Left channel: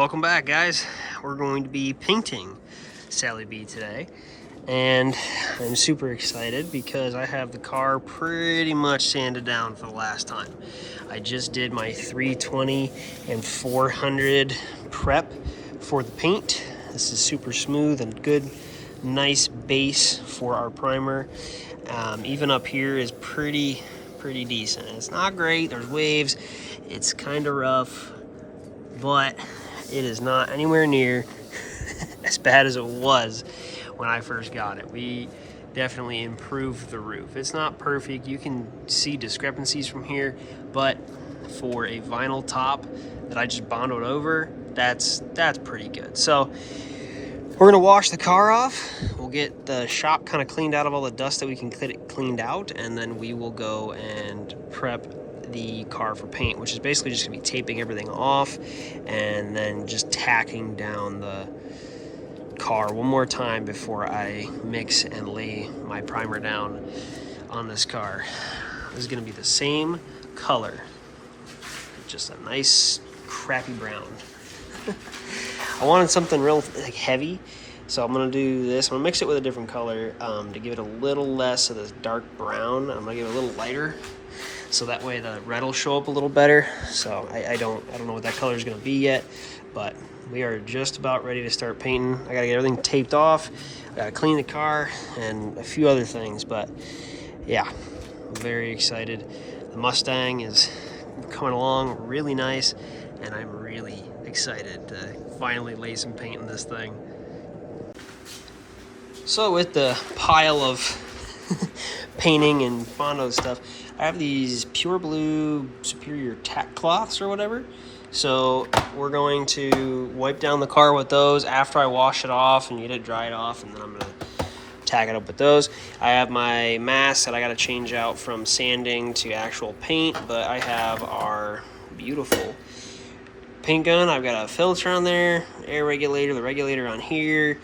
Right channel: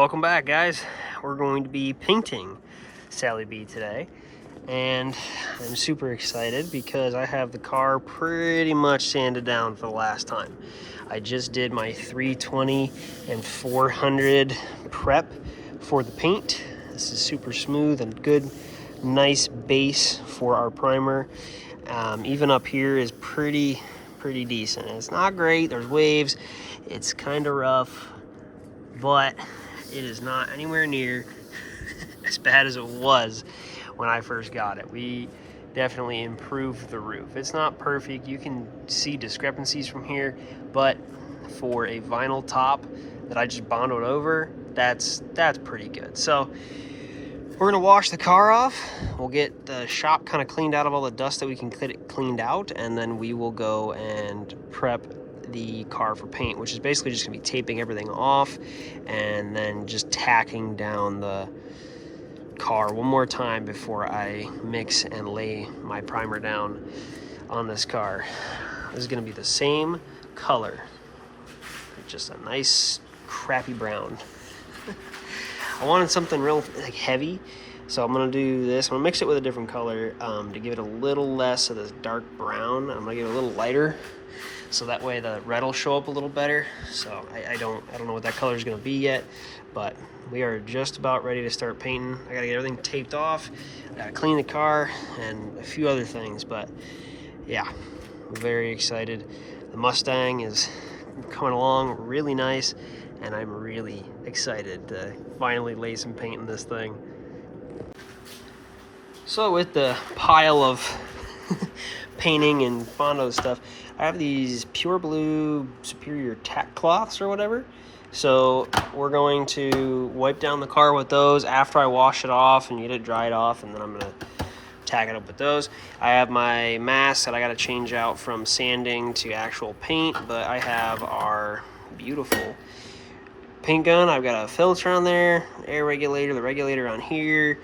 Welcome back, guys. We're going to be painting Sally B today, and I'm super excited because I have the car pretty much sanded down for the last time. I just did my 320 and 400 prep for the paint. This is super smooth and good, nice base for our primer. Even up here is pretty decent. It's not great, there's waves, it's kind of rough, but it is not anywhere near as bad as it was when I first got it. We definitely improved the roof. It's not perfect, you can see discrepancies from here, but for a vinyl top that I just bondoed over, that's pretty good. So we're gonna wash the car off. We'll get the shop kind of cleaned out of all the dust that we can get it cleaned out, and then we will go and prep the car for paint, which is basically just gonna be taping everything off and then just tacking down the car one more time before I mix and lay my primer down on this car. This is gonna be the same color, just a nice crappy brown. I wanted something real heavy, so I'm gonna do this. I'm gonna mix it with a different color to give it a little less of the dark brown. I'm gonna give it a little lighter, so that way the red will show up a little better. So I don't know what that color is gonna be yet, but we are just about ready to start painting. I gotta get everything taped off, I gotta clean the car, and a few other things. But yeah, I'm very excited. The Mustang is coming along really nice, and I'm really excited to finally lay some paint in this thing. So with the pile of painting and Bondo stuff, I have these pure blue superior tack cloths or whatever. So we're going to wipe down the car with those after I wash it off and get it dried off, and then I'm gonna tag it up with those. I have my mask that I gotta change out from sanding to actual paint, but I have our beautiful paint gun. I've got a filter on there, air regulator, the regulator on here,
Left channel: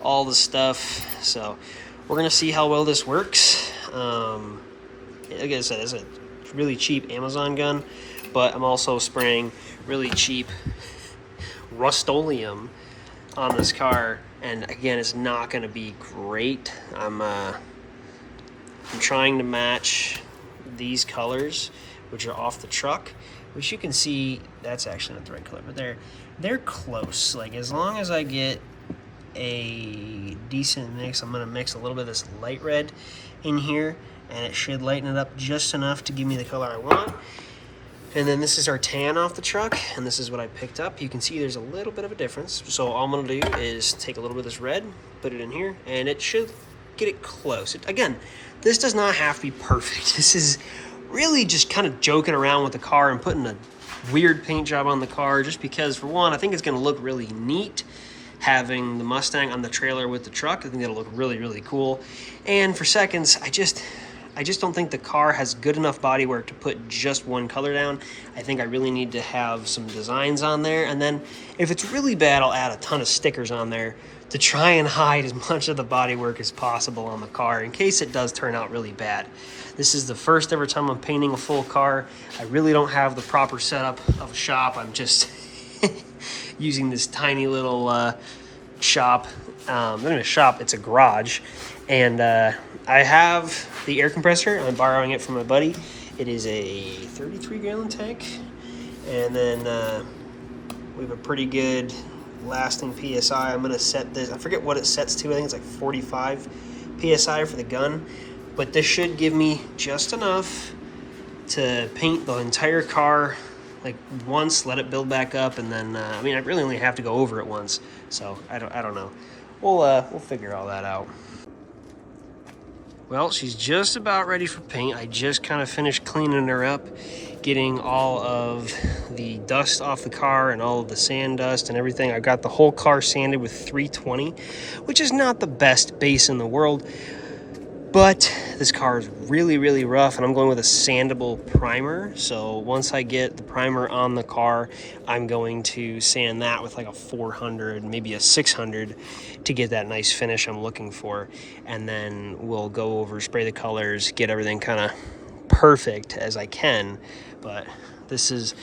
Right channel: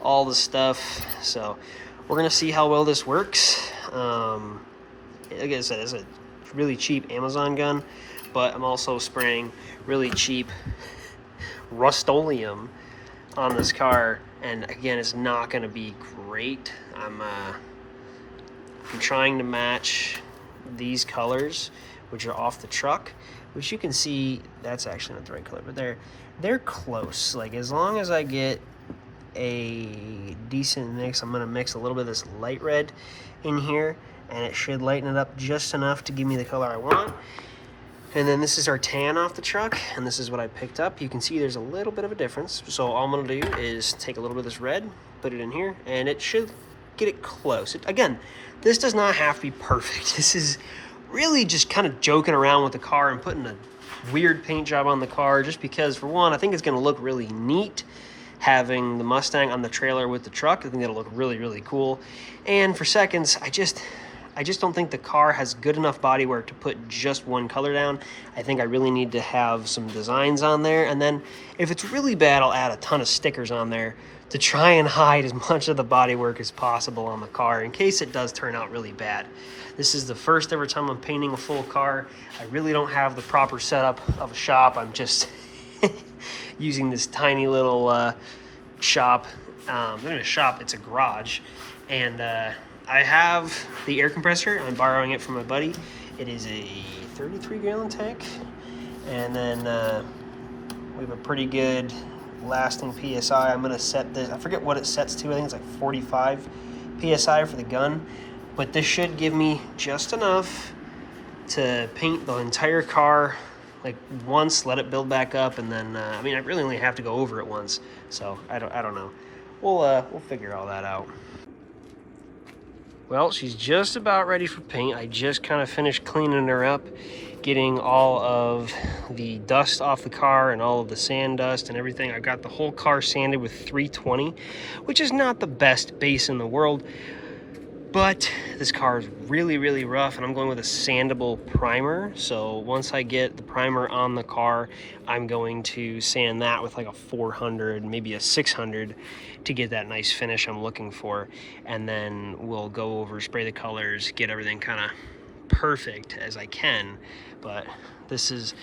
all the stuff. So we're gonna see how well this works. Like I said, it's a really cheap Amazon gun, but I'm also spraying really cheap Rust-Oleum on this car, and again, it's not gonna be great. I'm trying to match these colors, which are off the truck, which you can see, that's actually not the right color, but they're close. Like, as long as I get a decent mix, I'm gonna mix a little bit of this light red in here, and it should lighten it up just enough to give me the color I want. And then this is our tan off the truck, and this is what I picked up. You can see there's a little bit of a difference. So all I'm gonna do is take a little bit of this red, put it in here, and it should get it close. Again, this does not have to be perfect. This is really just kind of joking around with the car and putting a weird paint job on the car, just because, for one, I think it's gonna look really neat having the Mustang on the trailer with the truck. I think it'll look really cool. And for seconds, I just don't think the car has good enough bodywork to put just one color down. I think I really need to have some designs on there, and then if it's really bad, I'll add a ton of stickers on there to try and hide as much of the bodywork as possible on the car in case it does turn out really bad. This is the first ever time I'm painting a full car. I really don't have the proper setup of a shop. I'm just using this tiny little shop. Not in a shop, it's a garage. And I have the air compressor. I'm borrowing it from my buddy. It is a 33-gallon tank. And then we have a pretty good lasting PSI. I'm gonna set this, I forget what it sets to. I think it's like 45 PSI for the gun. But this should give me just enough to paint the entire car like once, let it build back up, and then I mean, I really only have to go over it once, so I don't know. We'll figure all that out. Well, she's just about ready for paint. I just kind of finished cleaning her up, getting all of the dust off the car and all of the sand dust and everything. I've got the whole car sanded with 320, which is not the best base in the world, but this car is really rough, and I'm going with a sandable primer. So once I get the primer on the car, I'm going to sand that with like a 400, maybe a 600, to get that nice finish I'm looking for. And then we'll go over, spray the colors, get everything kind of perfect as I can. But this is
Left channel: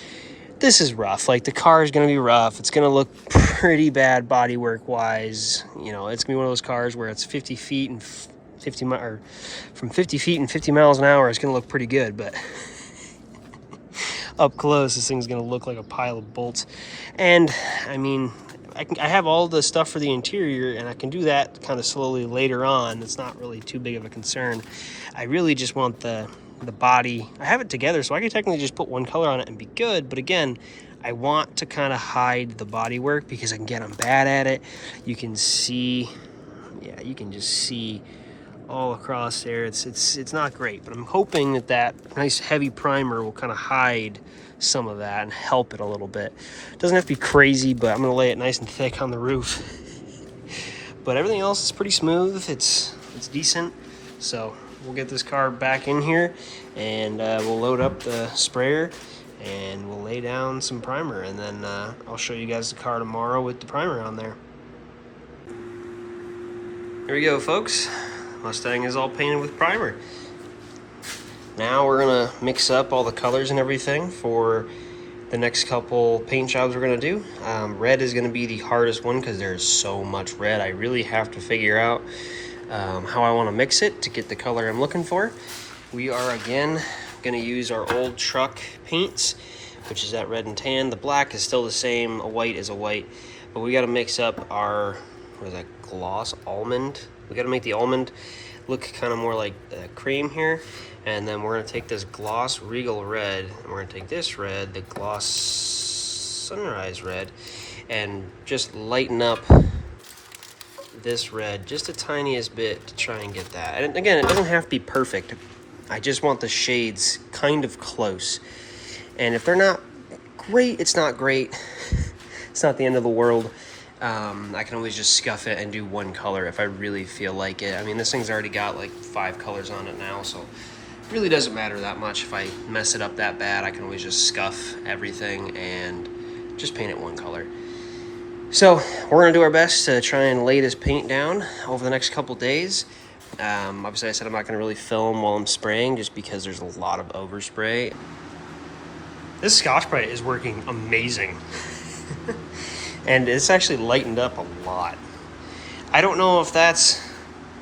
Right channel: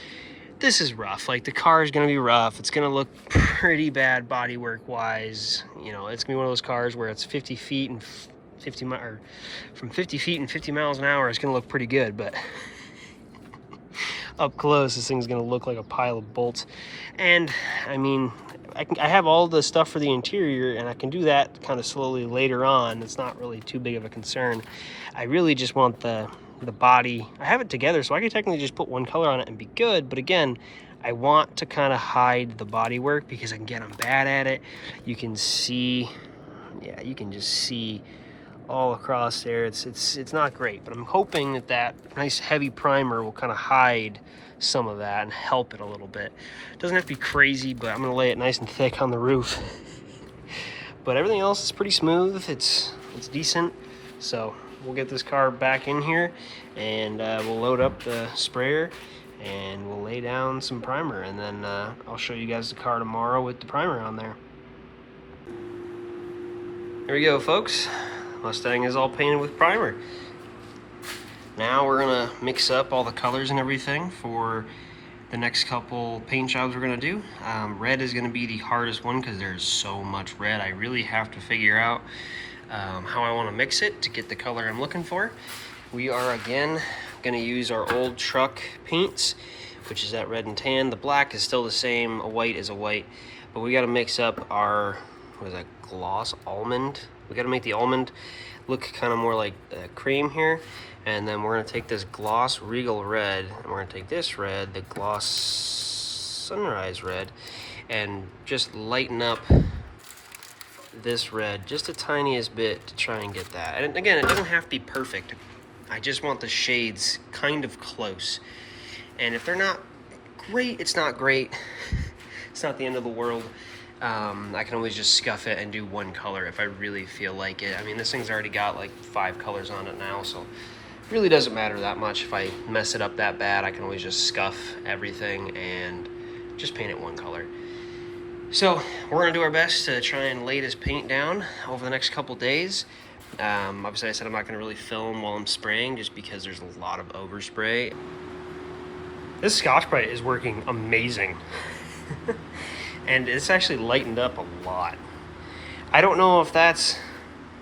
this is rough. Like, the car is going to be rough. It's going to look pretty bad bodywork wise. You know, it's going to be one of those cars where it's 50 feet and 50 mi or from 50 feet and 50 miles an hour. It's going to look pretty good, but up close, this thing's going to look like a pile of bolts. And I mean, I have all the stuff for the interior, and I can do that kind of slowly later on. It's not really too big of a concern. I really just want the body. I have it together, so I can technically just put one color on it and be good. But again, I want to kind of hide the bodywork because, again, I'm bad at it. You can see, yeah, you can just see all across there. It's not great, but I'm hoping that nice heavy primer will kind of hide some of that and help it a little bit. It doesn't have to be crazy, but I'm gonna lay it nice and thick on the roof. But everything else is pretty smooth. It's decent. So we'll get this car back in here, and we'll load up the sprayer, and we'll lay down some primer, and then I'll show you guys the car tomorrow with the primer on there. Here we go, folks. Mustang is all painted with primer. Now we're gonna mix up all the colors and everything for the next couple paint jobs we're gonna do. Red is gonna be the hardest one because there's so much red. I really have to figure out how I wanna mix it to get the color I'm looking for. We are again gonna use our old truck paints, which is that red and tan. The black is still the same, a white is a white, but we gotta mix up our, what is that, gloss almond? We gotta make the almond look kind of more like cream here. And then we're gonna take this gloss regal red, and we're gonna take this red, the gloss sunrise red, and just lighten up this red just the tiniest bit to try and get that. And again, it doesn't have to be perfect. I just want the shades kind of close. And if they're not great, it's not great. It's not the end of the world. I can always just scuff it and do one color if I really feel like it. I mean, this thing's already got like 5 colors on it now, so it really doesn't matter that much. If I mess it up that bad, I can always just scuff everything and just paint it one color. So we're gonna do our best to try and lay this paint down over the next couple days. Obviously I said I'm not gonna really film while I'm spraying just because there's a lot of overspray. This Scotch-Brite is working amazing. And it's actually lightened up a lot. I don't know if that's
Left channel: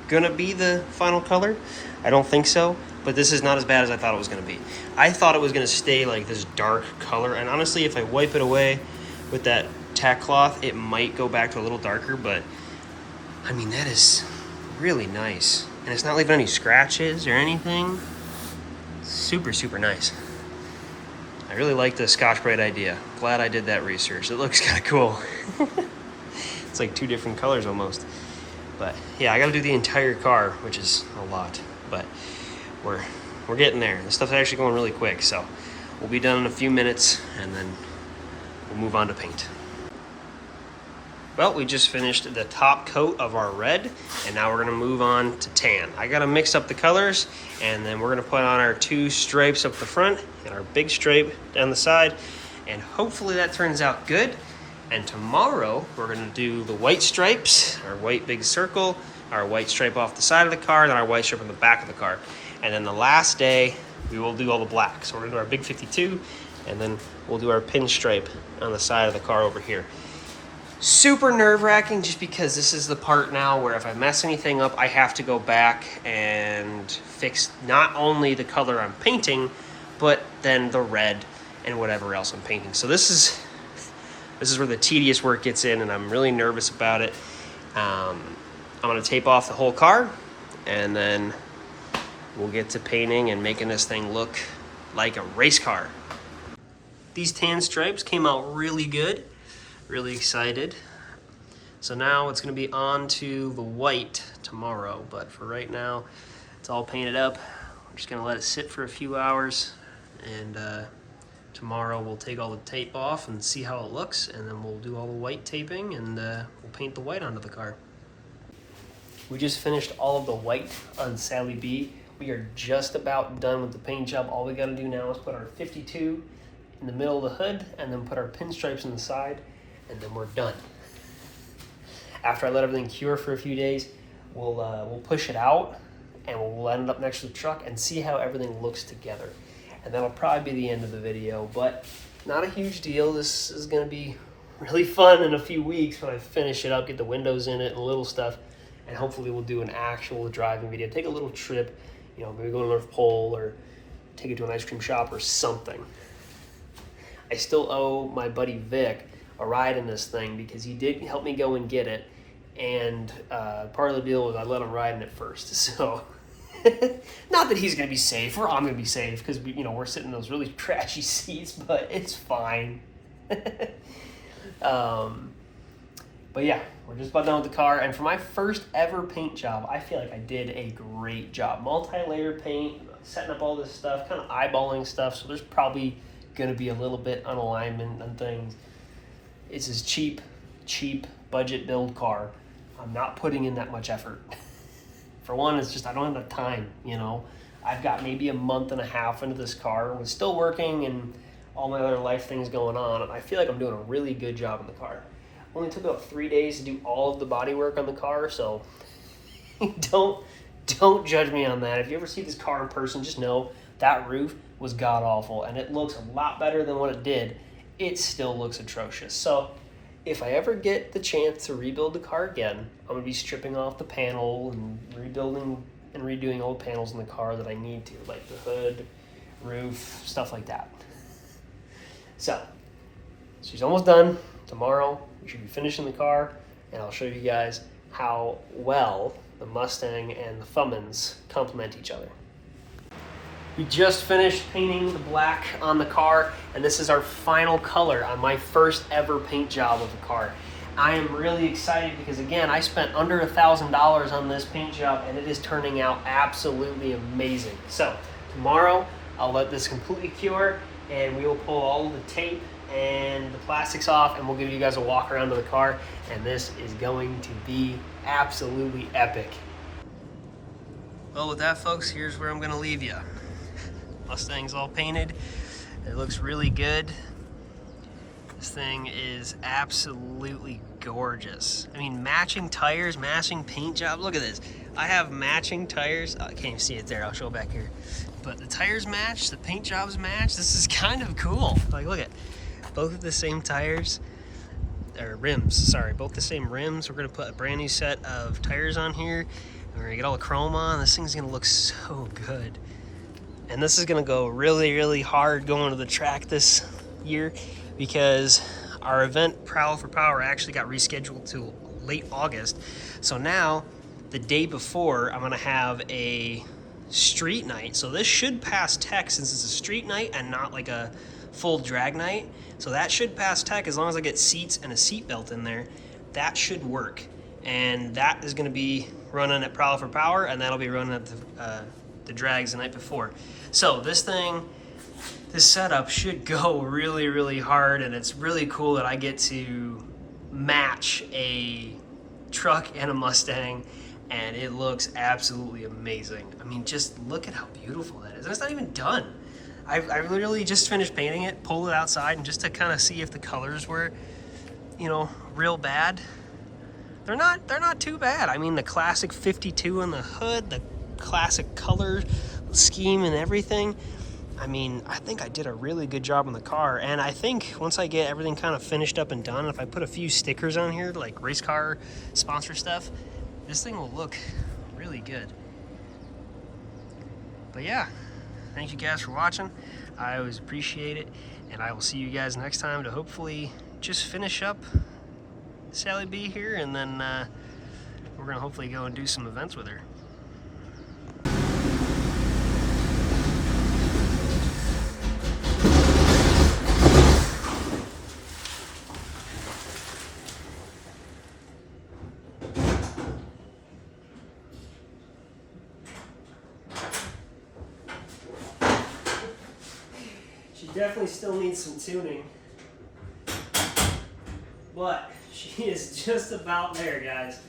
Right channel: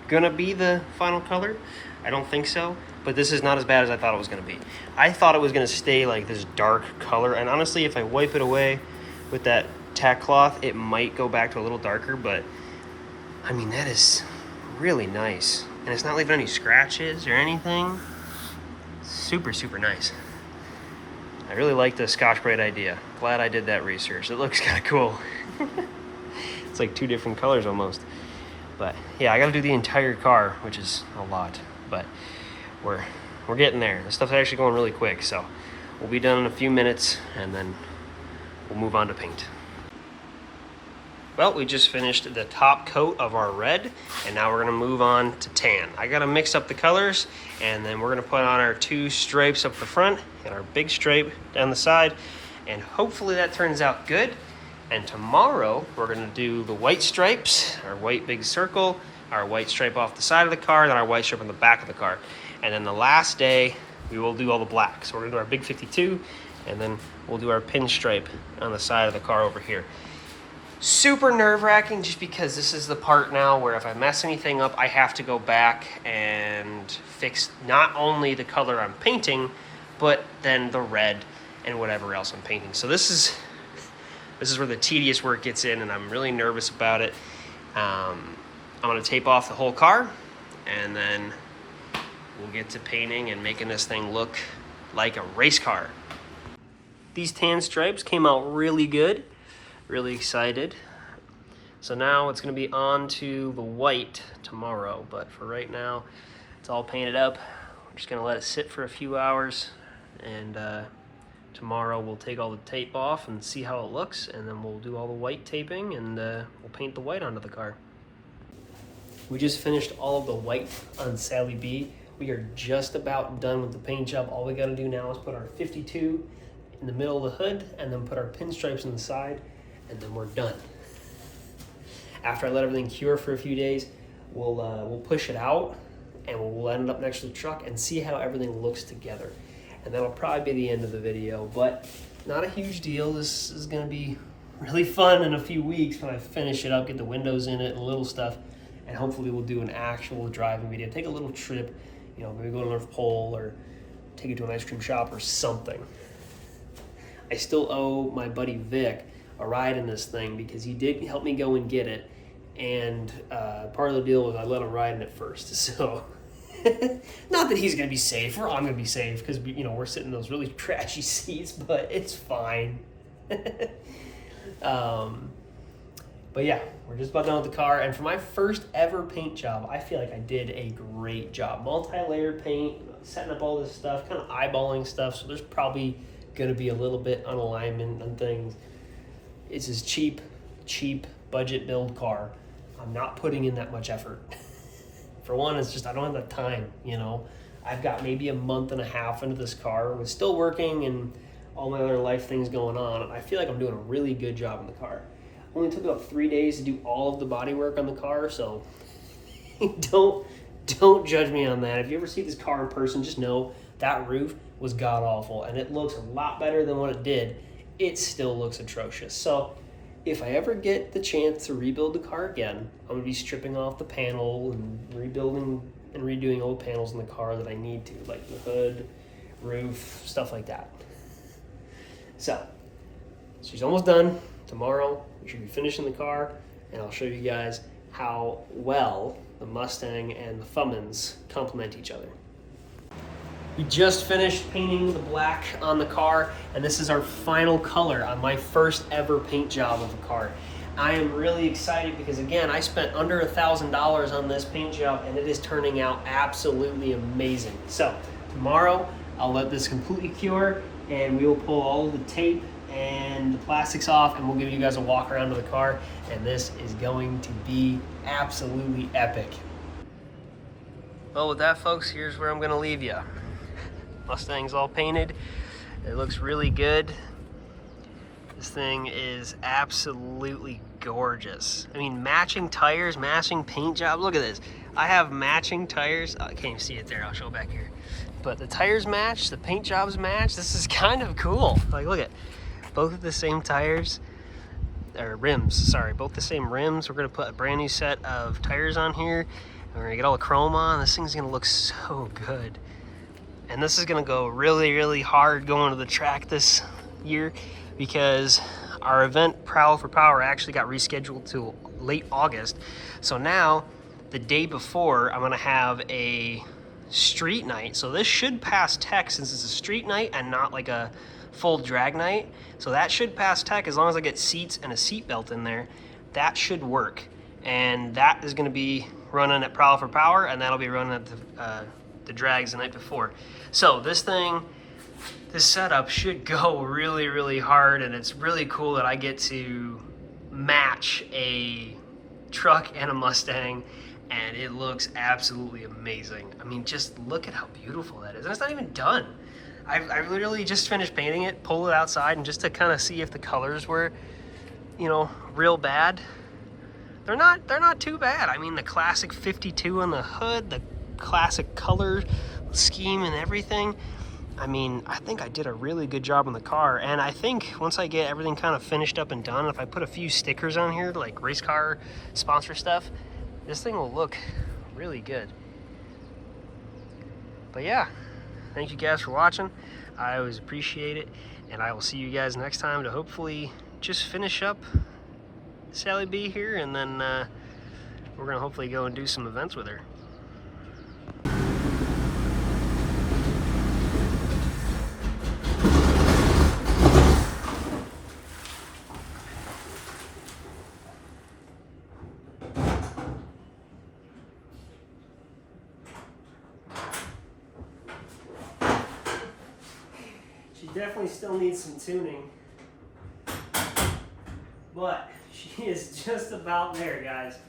gonna be the final color. I don't think so, but this is not as bad as I thought it was gonna be. I thought it was gonna stay like this dark color, and honestly, if I wipe it away with that tack cloth, it might go back to a little darker, but I mean, that is really nice. And it's not leaving any scratches or anything. Super, super nice. I really like the Scotch-Brite idea. Glad I did that research. It looks kind of cool. It's like 2 different colors almost. But yeah, I gotta do the entire car, which is a lot. But we're getting there. This stuff's actually going really quick, so we'll be done in a few minutes, and then we'll move on to paint. Well, we just finished the top coat of our red, and now we're gonna move on to tan. I gotta mix up the colors, and then we're gonna put on our 2 stripes up the front and our big stripe down the side, and hopefully that turns out good. And tomorrow we're gonna do the white stripes, our white big circle, our white stripe off the side of the car, and then our white stripe on the back of the car. And then the last day we will do all the black. So we're gonna do our big 52, and then we'll do our pinstripe on the side of the car over here. Super nerve-wracking just because this is the part now where if I mess anything up, I have to go back and fix not only the color I'm painting, but then the red and whatever else I'm painting. So this is where the tedious work gets in, and I'm really nervous about it. I'm gonna tape off the whole car, and then we'll get to painting and making this thing look like a race car. These tan stripes came out really good. Really excited. So now it's gonna be on to the white tomorrow, but for right now, it's all painted up. We're just gonna let it sit for a few hours, and tomorrow we'll take all the tape off and see how it looks, and then we'll do all the white taping, and we'll paint the white onto the car. We just finished all of the white on Sally B. We are just about done with the paint job. All we gotta do now is put our 52 in the middle of the hood, and then put our pinstripes on the side, and then we're done. After I let everything cure for a few days, we'll push it out, and we'll end it up next to the truck and see how everything looks together. And that'll probably be the end of the video, but not a huge deal. This is gonna be really fun in a few weeks when I finish it up, get the windows in it and little stuff, and hopefully we'll do an actual driving video. Take a little trip, you know, maybe go to North Pole or take it to an ice cream shop or something. I still owe my buddy Vic a ride in this thing because he did help me go and get it, and part of the deal was I let him ride in it first. So not that he's gonna be safe or I'm gonna be safe because we're sitting in those really trashy seats, but it's fine. But yeah, we're just about done with the car, and for my first ever paint job, I feel like I did a great job. Multi-layer paint, setting up all this stuff, kind of eyeballing stuff, so there's probably gonna be a little bit on alignment and things. It's this cheap budget build car. I'm not putting in that much effort. For one, it's just I don't have the time, I've got maybe a month and a half into this car with still working and all my other life things going on, and I feel like I'm doing a really good job in the car. Only took about 3 days to do all of the body work on the car, so don't judge me on that. If you ever see this car in person, just know that roof was god awful, and it looks a lot better than what it did. It still looks atrocious. So if I ever get the chance to rebuild the car again, I'm gonna be stripping off the panel and rebuilding and redoing old panels in the car that I need to, like the hood, roof, stuff like that. So she's almost done. Tomorrow we should be finishing the car, and I'll show you guys how well the Mustang and the Fummins complement each other. We just finished painting the black on the car, and this is our final color on my first ever paint job of a car. I am really excited because, again, I spent under $1,000 on this paint job, and it is turning out absolutely amazing. So tomorrow I'll let this completely cure, and we will pull all of the tape and the plastics off, and we'll give you guys a walk around to the car, and this is going to be absolutely epic. Well, with that, folks, here's where I'm gonna leave you. Mustang's all painted. It looks really good. This thing is absolutely gorgeous. I mean, matching tires, matching paint job. Look at this. I have matching tires. Oh, I can't even see it there. I'll show it back here. But the tires match, the paint jobs match. This is kind of cool. Like, look at both of the same tires, or rims, sorry, both the same rims. We're gonna put a brand new set of tires on here. We're gonna get all the chrome on. This thing's gonna look so good. And this is gonna go really, really hard going to the track this year because our event, Prowl for Power, actually got rescheduled to late August. So now, the day before, I'm gonna have a street night. So this should pass tech since it's a street night and not like a full drag night. So that should pass tech as long as I get seats and a seat belt in there. That should work. And that is gonna be running at Prowl for Power, and that'll be running at the drags the night before. So this setup should go really, really hard, and it's really cool that I get to match a truck and a Mustang, and it looks absolutely amazing. I mean, just look at how beautiful that is. And it's not even done. I literally just finished painting it, pulled it outside, and just to kind of see if the colors were, real bad. They're not too bad. I mean, the classic 52 on the hood, the classic color scheme and everything. I mean, I think I did a really good job on the car, and I think once I get everything kind of finished up and done, if I put a few stickers on here, like race car sponsor stuff, this thing will look really good. But yeah, thank you guys for watching. I always appreciate it, and I will see you guys next time to hopefully just finish up Sally B here, and then we're gonna hopefully go and do some events with her. She definitely still needs some tuning, but she is just about there, guys.